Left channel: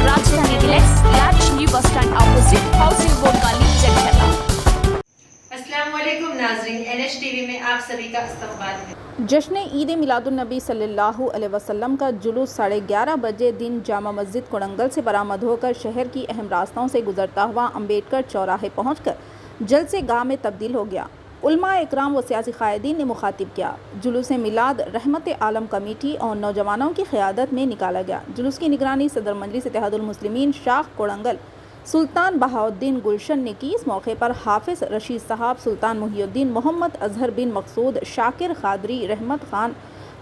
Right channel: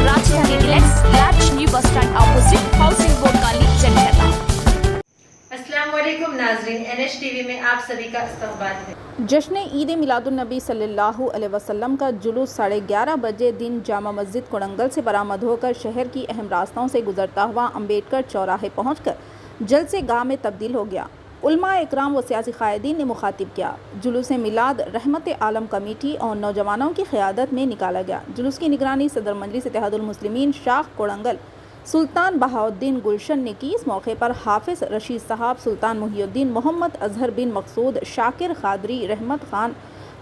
राजधानी deluxe large new bus stand opposite housing board colony Jandhala. अस्सलाम वालेकुम नाज़रीन, NH TV में आप सभी का इस्तकबाल है। जश्न ईद मिलादुन्नबी सल्लल्लाहु अलैहि वसल्लम का जुलूस 11:30 बजे दिन जामा मस्जिद कोड़ंगल से बरामद होकर शहर की अहम रास्तों से गुजरता हुआ अम्बेडकर चौराहे पहुंचकर जलसे गाह में तब्दील हो गया। उलमा इकराम व सियासी कायदीन ने मुखातिब किया। जुलूस मिलाद रहमत आलम कमेटी और नौजवानों की क़यादत में निकाला गया। जुलूस की निगरानी सदर मजलिस इत्तेहादुल मुस्लिमीन शाख कोड़ंगल सुल्तान बहाउद्दीन गुलशन ने की। इस मौके पर हाफिज रशीद साहब, सुल्तान मुहिउद्दीन, मोहम्मद अजहर बिन मकसूद, शाकिर खादरी, रहमत खान,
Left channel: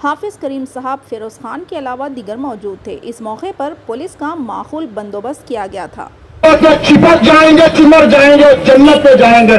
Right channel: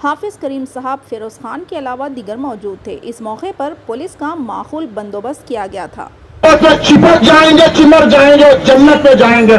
हाफिज करीम साहब, फिरोज खान के अलावा दीगर मौजूद थे। इस मौके पर पुलिस का माकूल बंदोबस्त किया गया था। चिपक जाएंगे, चिमर जाएंगे, जन्नत पे जाएंगे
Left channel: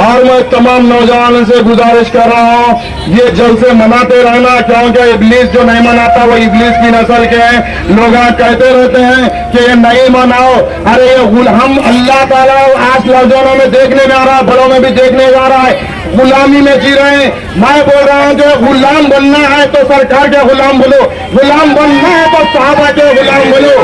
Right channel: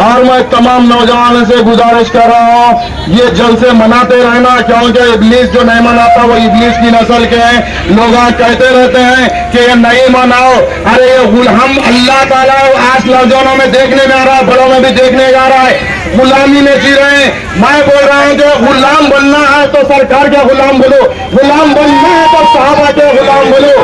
और मैं तमाम नौजवानों से गुजारिश कर रहा हूँ, ये जलसे मनाते रहना, क्योंकि इब्लीस जो नहीं मनाता वो इब्लीस की नस्ल के हैं। लोग कहते रहते हैं कि ये नहीं मनाओ, अरे ये हम अल्लाह ताला आज नौजवानों में देखने जा रहा है, बड़ों में भी देखने जा रहा है, गुलामी में जी रहे हैं। मैं बोल रहा हूँ कि गुलाम बनना है तो सरकार के गुलाम बोलो, गुलाम बनना है तो साहबा के गुलाम बोलो।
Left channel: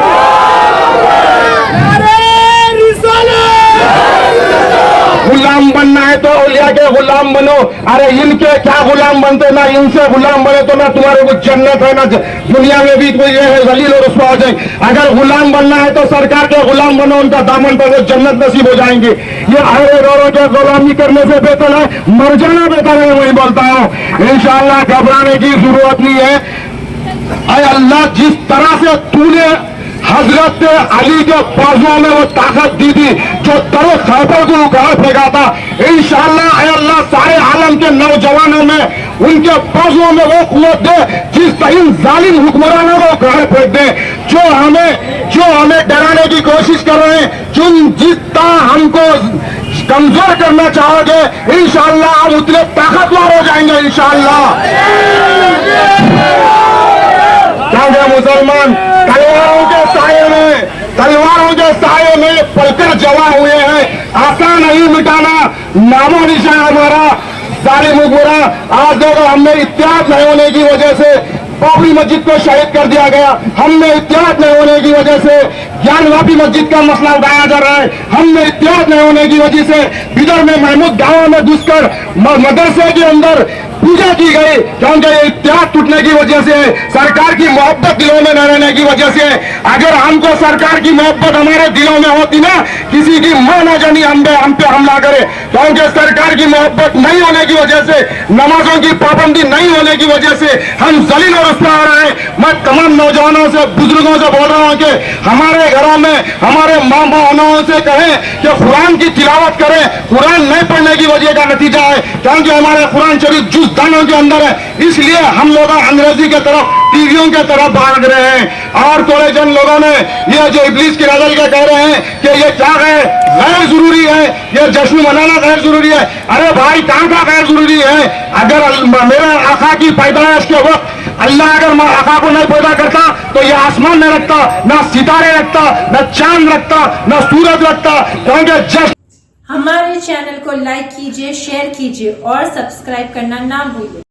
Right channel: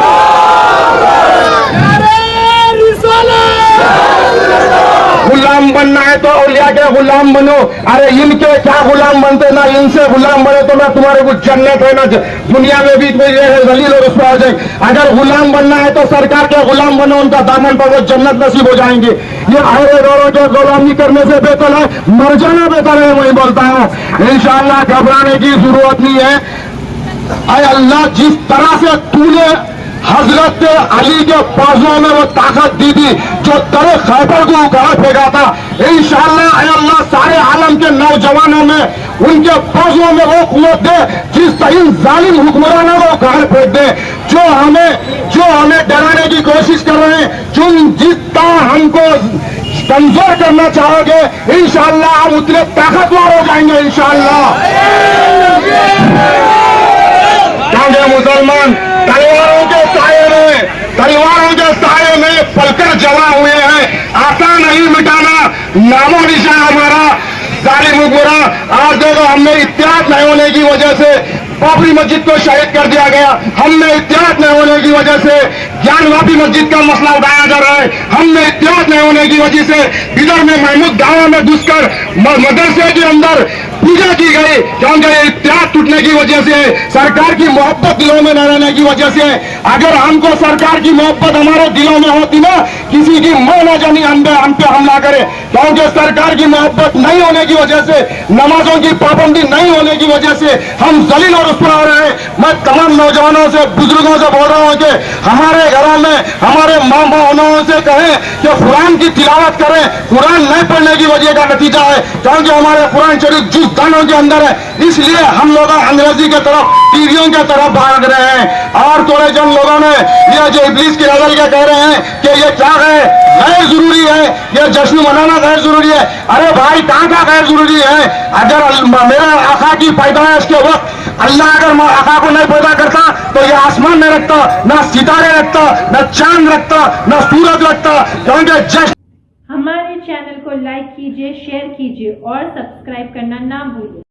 गुलाम बनना है तो औलिया के गुलाम बनो। अरे इनके क्या गुलाम बनते, ना इनसे गुलाम बने तो ना तुम्हारे कुछ जन्नत है, ना दुनिया में भी कोई जलील और रुसवा हो जाए। अगर गुलाम बनना है तो सरकार के गुलाम बनो, उनका दामन पर वो जन्नत नसीब हो जाएंगे। ये हरे गौरों के गुलामी करने से बेहतर है मर जाना बेहतर है, वही बोलता हूँ। इंशाअल्लाह घबराने की जरूरत नहीं है। अरे अल्लाह जिस तरह से तूने हजरत अली के बाजुओं में वो ताकत दी थी जो तरे खैबर को उखाड़ फेंका था, इंशाअल्लाह अल्लाह सारे आलम के नौजवानों में उनके बाजुओं में वो कुव्वत दे जिस तरह जालिम हुक्मरानों को उखाड़ फेंक दे। जो हमें डराने की कोशिश कर रहे हैं, जिस तरह हमको कमजोर करना चाहोगे, इंशाअल्लाह हम उतने ताकतवर हो जाएंगे इंशाअल्लाह। मुसलमान तलवारों के साये में पलकर जमा हुए हैं, आसान नहीं मिटाना नामो निशान हमारा जालिम हुक्मरान। आज देखो हमने इत्तेहाद नहीं होने की वजह से बाबरी मस्जिद को शहीद कर दिया गया, हमने इत्तेहाद नहीं होने की वजह से ज्ञानवापी मस्जिद का मसला उठाया जा रहा है, हमने इत्तेहाद नहीं होने की वजह से बिदर में महमूद गांव में घुसकर मदरसे के अंदर पूजा की गई, क्योंकि इत्तेहाद टूटने की वजह से, सरकार की मोहब्बत दिलों में न रहने की वजह से। अगर हमको सरकार की मोहब्बत हमारे दिलों में होती ना, किसी की मां न जानी हम पे हमला करे, क्योंकि सरकार की मोहब्बत नहीं होने की वजह से, नमाजों की पाबंदी नहीं होने की वजह से हम जलील और रुसवा हो रहे हैं। मैं तमाम नौजवानों से, बुजुर्गों से बोल रहा हूँ कि हमारे घरों में हमारे माँ बापों से कहें कि कुरान की तिलावत करें। कुरान नहीं पढ़ने की वजह का नतीजा है, क्योंकि हमारे कुरान शरीफ जुज़ दानों के अंदर है, इसलिए हम लोग अंग्रेजी के तरफ, टीवियों के तरफ भाग रहे हैं। और थोड़े जन लोगों ने ये जो इब्लीस की नजर के कह रहे हैं कि ये क्या है, गैर जरूरी है, ये जश्न मनाना गैर जरूरी है। अरे भाई कहाँ का गैर जरूरी है? अगर मेरा आका की पैदाइश के वक्त अल्लाह अगर आका को नहीं पैदा करता तो ये आसमान नहीं रखता, ना सितारे रखता, ना चांद रखता, ना सूरज रखता, क्योंकि जश्न। हमारे चैनल को लाइक कीजिए, शेयर कीजिए और सब्सक्राइब करना ना भूलिए।